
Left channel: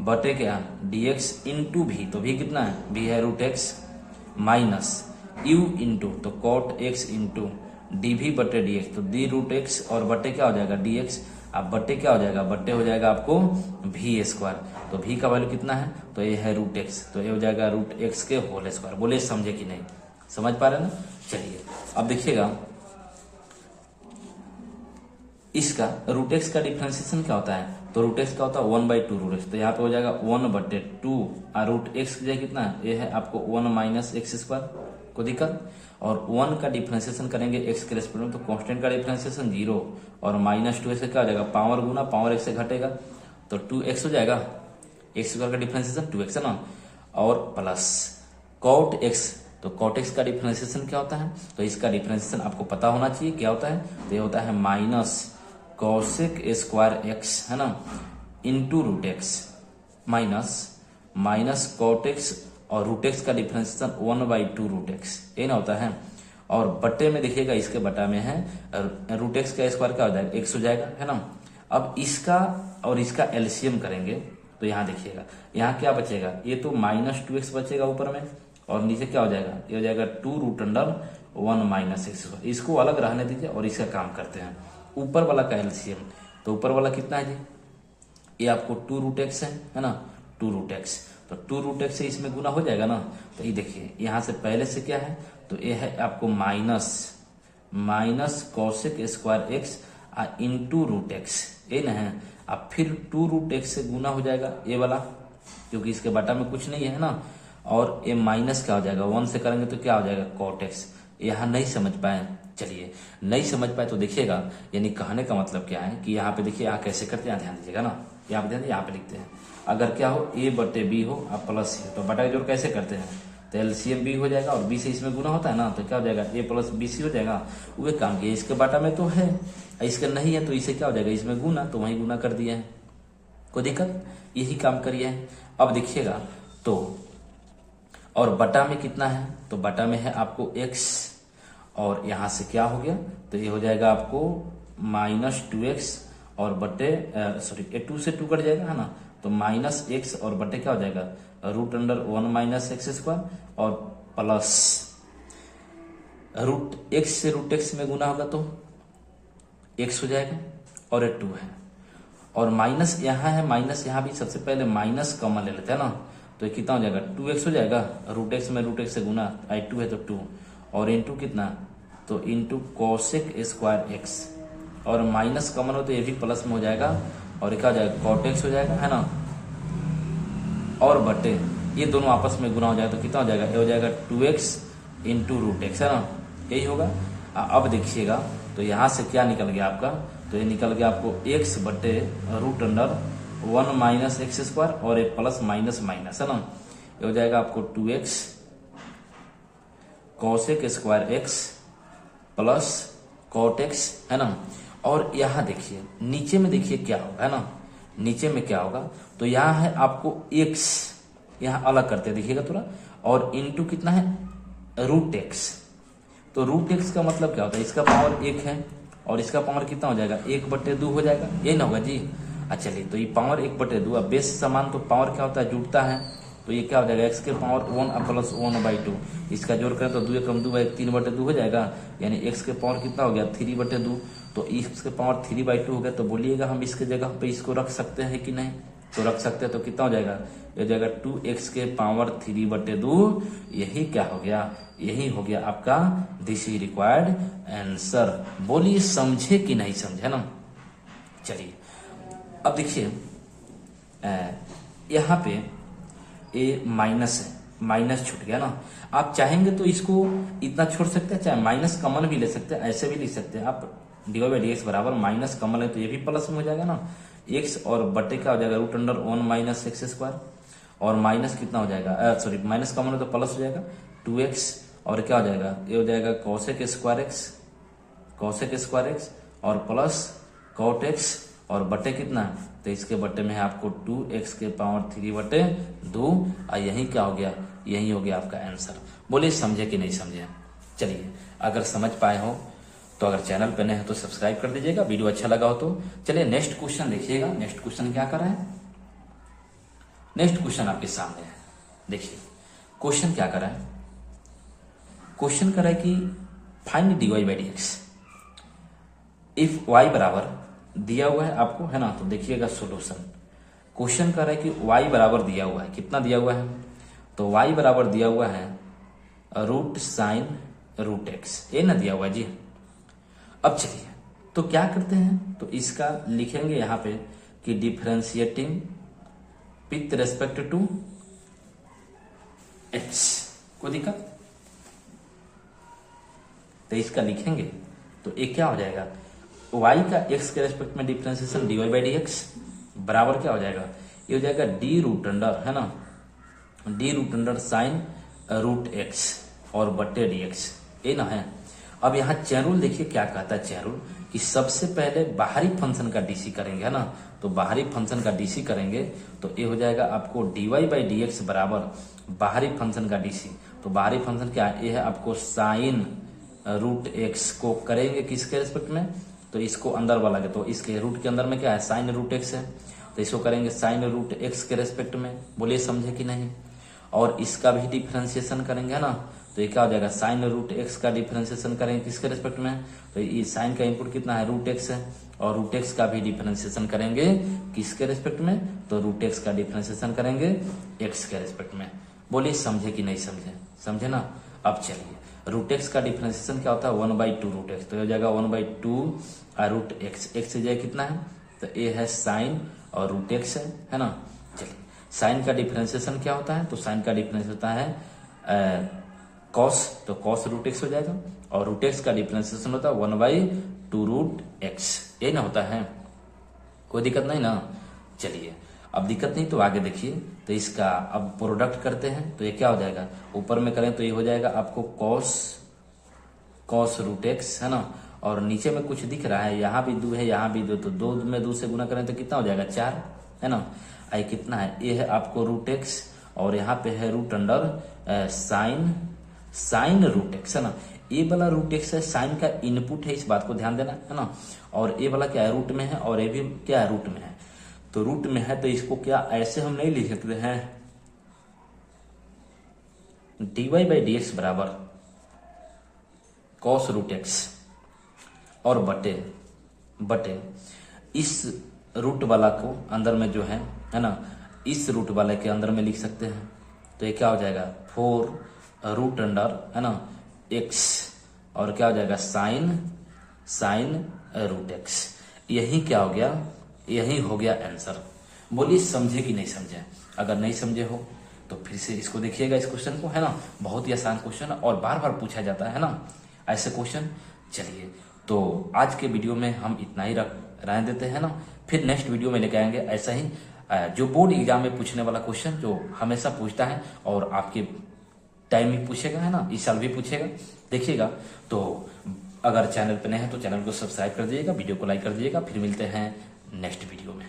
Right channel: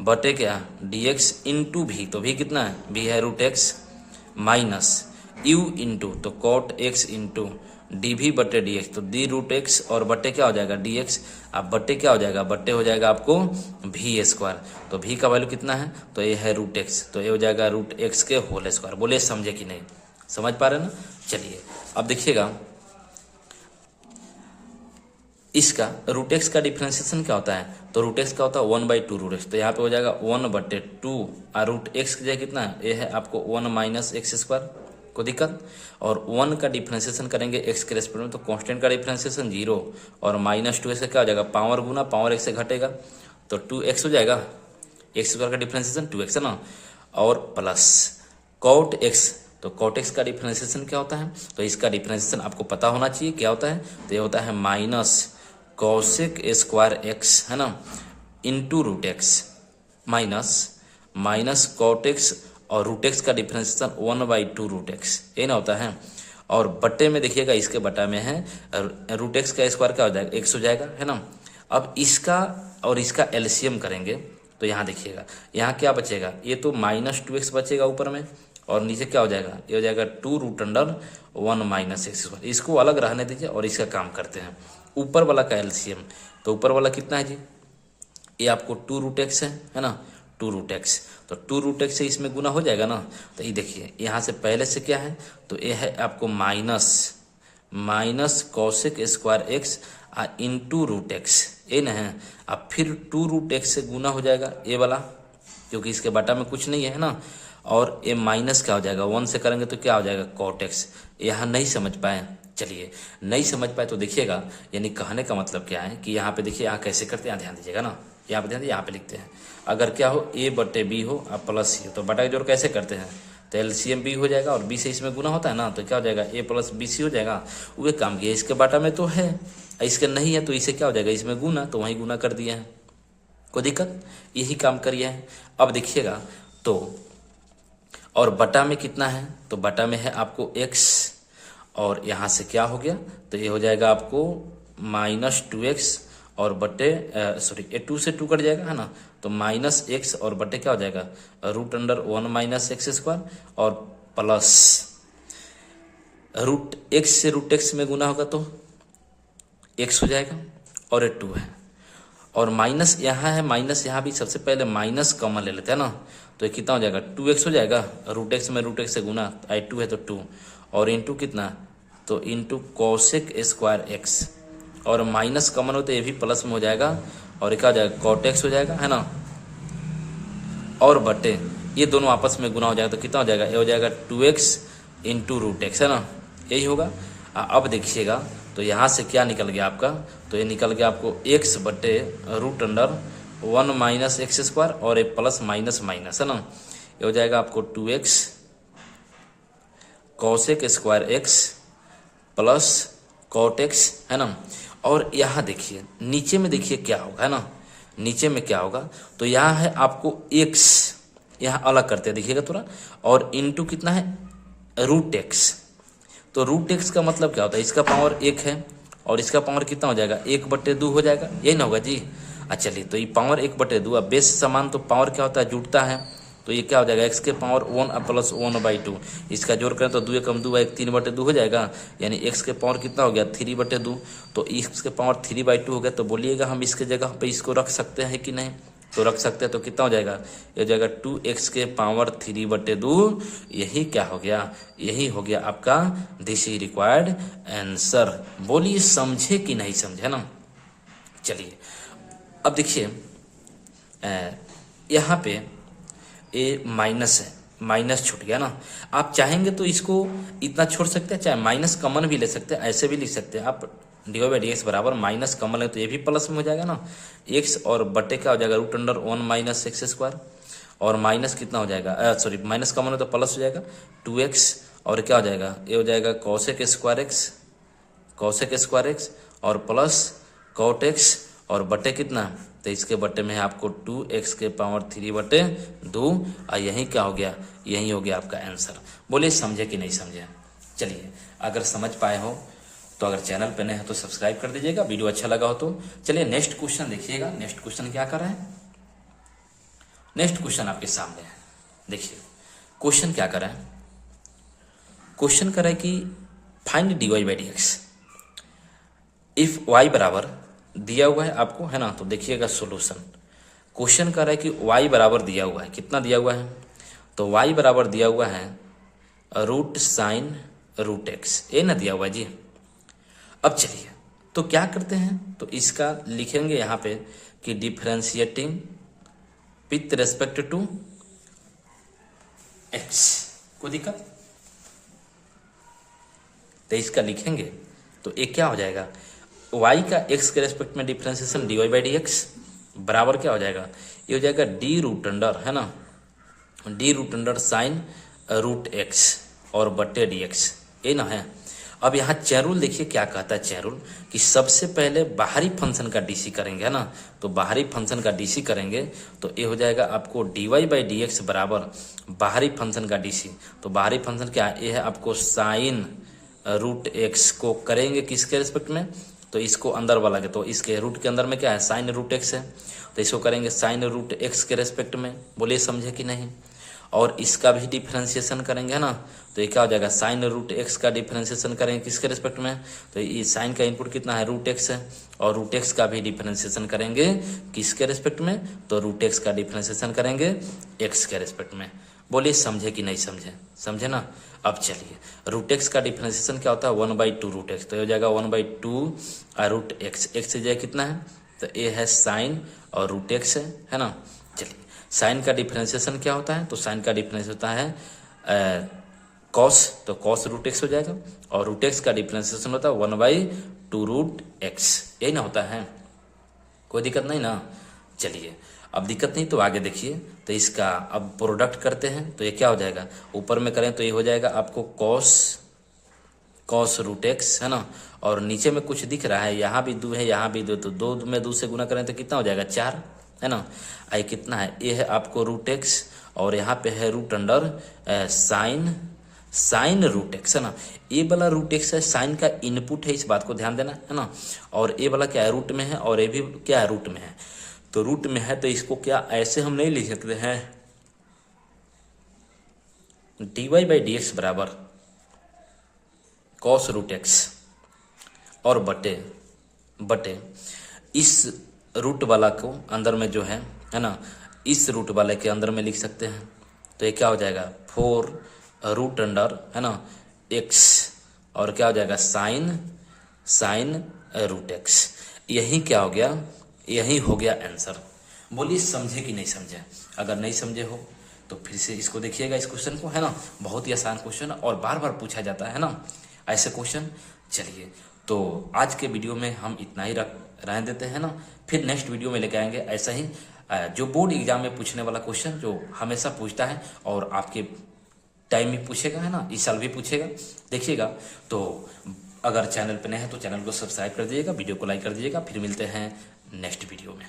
बटे क्या dx इंटू भी, तो भी कितना है, v है root x minus u into तो cot x इंटू डी भी बटे डी एक्स, तो डी रूट एक्स और बटे क्या हो जाएगा डी एक्स। अब बटे क्या हो जाएगा, बटे हो जाएगा आपको भी स्क्वायर, तो भी का वैल्यू कितना है, तो ये है रूट एक्स, तो ये हो जाएगा रूट एक्स के होल स्क्वायर। बोले समझे कि नहीं, समझ पा रहे ना। चलिए अब देखिएगा, इसका रूट एक्स का डिफरेंशिएशन क्या होता है, तो रूट एक्स का होता है 1 बाई टू रूट एक्स, तो यहाँ पे हो जाएगा 1 बटे 2 और रूट एक्स की जगह कितना है, ये है आपको 1 माइनस एक्स स्क्वायर, को दिक्कत। और 1 का डिफरेंशिएशन करेंगे एक्स के रेस्पेक्ट में, तो कांस्टेंट का डिफरेंशिएशन 0 और माइनस 2 से क्या हो जाएगा, पावर गुना पावर एक्स से घटेगा, तो 2x हो जाएगा, एक्स स्क्वायर का डिफरेंशिएशन 2x है ना। और प्लस कॉट एक्स, तो कॉट एक्स का डिफरेंशिएशन क्या होता है, तो इसका डिफरेंशिएशन आपको पता होना चाहिए क्या होता है, तो ये होता है माइनस कॉसेक स्क्वायर एक्स, है ना, into root X minus cot X और रूट एक्स का differentiation 1 by two root X, ये ना होता है। और बट्टे में देखिएगा, इसके बटा में है रूट एक्स का स्क्वायर क्या हो जाएगा, एक्स हो जाएगा, है ना। अब इसका और इसका एलसीएम करेंगे, तो यहाँ देखिएगा, यहाँ क्या बचेगा, ये तो माइनस 2x बचेगा ऊपर में, और नीचे क्या हो जाएगा, ये हो जाएगा 2 root under 1 minus X square. इसको अलग रहने दीजिए और इसका काम करते हैं। ऊपर वाला का एलसीएम, तो ऊपर वाला कितना है जी, ये आपको 2 रूट एक्स है ना, 2 रूट एक्स, तो 2 रूट एक्स से इसमें गुना हो जाएगा ना। तो ये देखिए, यहाँ से पहले से क्या है, तो ये है आपको minus cosec square X into root X, ये ना है। अब फिर 2 रूट एक्स से गुना हो जाएगा ये वाला, क्योंकि इसके बटा में कुछ नहीं है ना। और ये माइनस क्या हो जाएगा, 1 से करेंगे तो क्या हो जाएगा कॉट एक्स। यहाँ नहीं समझ पाए, चलिए नहीं समझ पाए तो देखिएगा, यानी कहने का मतलब क्या है कि यहाँ पे देखिए, यहाँ कैसे करते हैं, यहाँ ध्यान दीजिएगा ना, यहाँ पे ध्यान दीजिए, यहाँ पे लिखते हैं, अगर क्या हो a बटे बी हो अब प्लस सी, तो बटा जोड़ कैसे करते हैं, तो एलसीएम बी हो जाएगा और बी से इसमें गुना होता है ना, तो क्या हो जाएगा a प्लस बी सी हो जाएगा। वो काम किया, इसके बाटा में तो है, इसका नहीं है, तो इसे क्या हो जाएगा, इसमें गुना, तो वहीं गुना कर दिया है, कोई दिक्कत, यही काम करिए है। अब देखिएगा, तो और बटा में कितना है, तो बटा में है आपको x, और यहाँ से क्या हो गया, तो ये हो जाएगा आपको माइनस 2x और बटे ये 2 से 2 कट जाएगा, है ना, तो माइनस एक्स और बटे क्या हो जाएगा root under 1 minus X square और प्लस रूट एक्स से रूट एक्स में गुना होगा, तो एक्स हो जाएगा और ये 2 है और माइनस यहाँ है, माइनस यहाँ भी सबसे पहले माइनस कॉमन ले लेते हैं ना, तो ये कितना हो जाएगा 2x हो जाएगा, रूट एक्स में रूट एक्स से गुना, आई 2 है तो 2 और इंटू कितना, तो इंटू कोसेक स्क्वायर एक्स और माइनस कॉमन हो तो ये भी प्लस में हो जाएगा और ये क्या हो जाएगा कॉट एक्स हो जाएगा, है ना, और बटे ये दोनों आपस में गुना हो जाएगा तो कितना हो जाएगा, ये हो जाएगा 2x इंटू रूट एक्स, है ना, यही होगा। अब देखिएगा तो यहाँ से क्या निकल गया आपका, तो ये निकल गया आपको x बटे root under 1 minus X square और ये प्लस माइनस माइनस, है ना, ये हो जाएगा आपको 2x cosec square X plus cot X, है ना। और यहाँ देखिए नीचे में देखिए क्या होगा, है ना, नीचे में क्या होगा, तो यहाँ है आपको x, यहाँ अलग करते हैं देखिएगा थोड़ा, और इंटू कितना है रूट एक्स, तो रूट एक्स का मतलब क्या होता है, इसका पावर 1 है और इसका पावर कितना हो जाएगा 1/2 हो जाएगा, यही ना होगा जी। अच्छा चलिए तो ये पावर 1/2, अब बेस समान तो पावर क्या होता है जुड़ता है, तो ये क्या हो जाएगा x के पावर 1 प्लस 1/2, इसका जोड़ करें तो 2 कम 2 1 3/2 हो जाएगा, यानी x के पावर कितना हो गया 3/2, तो x के पावर 3/2 हो गया, तो बोलिएगा हम इसके जगह पे इसको रख सकते हैं कि नहीं, तो रख सकते हैं, तो कितना हो जाएगा, ये हो जाएगा 2x के पावर 3/2, यही क्या हो गया, यही हो गया आपका दिस इज रिक्वायर्ड आंसर। बोलिए समझे कि नहीं समझे ना। चलिए अब देखिए यहाँ पे ये माइनस है, माइनस छूट गया ना, आप चाहेंगे तो इसको इतना छोड़ सकते हैं, चाहे माइनस कॉमन भी ले सकते हैं, ऐसे भी लिख सकते हैं आप, dy/dx बराबर माइनस कॉमन है तो ये भी प्लस में हो जाएगा ना, x और बटे क्या हो जाएगा root under 1 minus X square और माइनस कितना हो जाएगा, सॉरी माइनस कॉमन है तो प्लस हो जाएगा 2x और क्या हो जाएगा, ये हो जाएगा कॉसेक स्क्वायर एक्स और प्लस कॉट एक्स और बटे कितना, तो इसके बटे में है आपको 2x के पावर 3/2 और यही क्या हो गया, यही हो गया आपका आंसर। बोलिए समझे कि नहीं समझे। चलिए अगर समझ पाए हो तो अगर चैनल पे नए हैं तो सब्सक्राइब कर दीजिएगा, वीडियो अच्छा लगा हो तो। चलिए नेक्स्ट क्वेश्चन देखिएगा, नेक्स्ट क्वेश्चन क्या कर रहे हैं, नेक्स्ट क्वेश्चन आपके सामने है, देखिए क्वेश्चन क्या कर रहे हैं, क्वेश्चन कर रहा है कि फाइंड dy/dx इफ y बराबर दिया हुआ है आपको, है ना, तो देखिएगा सॉल्यूशन, क्वेश्चन कर रहा है कि y बराबर दिया हुआ है, कितना दिया हुआ है, तो y बराबर दिया हुआ है रूट साइन रूट एक्स, ये ना दिया हुआ है जी। अब चलिए तो क्या करते हैं, तो इसका लिखेंगे यहाँ पे कि differentiating with respect to X, कोई दिक्कत, तो इसका लिखेंगे तो एक क्या हो जाएगा, y का x के रेस्पेक्ट में डिफरेंशिएशन dy/dx बराबर क्या हो जाएगा, ये हो जाएगा d रूट अंडर, है ना, d root under sine root X और बटे dx, ये ना है। अब यहाँ चैन रूल देखिए क्या कहता है चैन रूल, कि सबसे पहले बाहरी फंक्शन का डीसी करेंगे, है ना, तो बाहरी फंक्शन का डीसी करेंगे तो ये हो जाएगा आपको dy/dx बराबर बाहरी फंक्शन का डीसी, तो बाहरी फंक्शन क्या है, ये है आपको साइन रूट एक्स को करेंगे किसके रेस्पेक्ट में, तो इसको अंदर वाला के, तो इसके रूट के अंदर में क्या है साइन रूट एक्स है, तो इसको करेंगे साइन रूट एक्स के रेस्पेक्ट में, बोलिए समझे कि नहीं। और इसका भी डिफरेंशिएशन करेंगे, है ना, तो ये क्या हो जाएगा साइन रूट एक्स का डिफरेंशिएशन करेंगे किसके रेस्पेक्ट में, तो ये साइन का इनपुट कितना है रूट एक्स है, और रूट एक्स का भी डिफरेंशिएशन करेंगे किसके रेस्पेक्ट में, तो रूट एक्स का डिफरेंशिएशन करेंगे एक्स के रेस्पेक्ट में। बोलिए समझे कि नहीं समझे, समझे ना। अब चलिए रूट एक्स का डिफरेंशिएशन क्या होता है 1/2 रूट एक्स, तो ये हो जाएगा 1/2 रूट एक्स, एक्स से जाए कितना है, तो ये है साइन और रूट एक्स है ना। चलिए साइन का डिफरेंशिएशन क्या होता है, तो साइन का डिफरेंस होता है कॉस, तो कॉस रूट एक्स हो जाएगा, और रूट एक्स का डिफरेंशिएशन होता है 1/2 रूट एक्स, यही ना होता है, कोई दिक्कत नहीं ना। चलिए अब दिक्कत नहीं तो आगे देखिए, तो इसका अब प्रोडक्ट करते हैं तो ये क्या हो जाएगा, ऊपर में करें तो ये हो जाएगा आपको कॉस रूट एक्स, है ना, और नीचे में कुछ दिख रहा है, यहाँ भी 2 है यहाँ भी 2, तो 2 में 2 से गुना करें तो कितना हो जाएगा 4, है ना। आई कितना है, ये है आपको रूट एक्स और यहाँ पे है root under sine root X, है ना, ए वाला रूट एक्स है साइन का इनपुट है, इस बात को ध्यान देना, है ना, और ए वाला क्या है रूट में है और ए भी क्या है रूट में है, तो रूट में है तो इसको क्या ऐसे हम नहीं लिख सकते हैं dy/dx बराबर कॉस रूट एक्स और बटे बटे इस रूट वाला को अंदर में जो है ना, इस रूट वाले के अंदर में लिख सकते हैं। तो ये क्या हो जाएगा 4 रूट है ना x, और क्या हो जाएगा साइन रूट x। यही क्या हो गया, यही हो गया आंसर। बोलिए समझे कि नहीं समझे? अगर नहीं समझे हो तो फिर से इसको देखिएगा, इस क्वेश्चन को, है ना। बहुत ही आसान क्वेश्चन है और बार बार पूछा जाता है ना ऐसे क्वेश्चन। चलिए, तो आज के वीडियो में हम इतना ही रहने देते हैं ना। फिर नेक्स्ट वीडियो में लेके आएंगे ऐसा ही जो बोर्ड एग्जाम में पूछने वाला क्वेश्चन जो हमेशा पूछता है और आपके टाइम में पूछेगा, है ना, इस साल भी पूछेगा, देखिएगा। तो अगर चैनल पर नए हैं तो चैनल को सब्सक्राइब कर दीजिएगा, वीडियो को लाइक कर दीजिएगा। फिर मिलते हैं नेक्स्ट वीडियो में।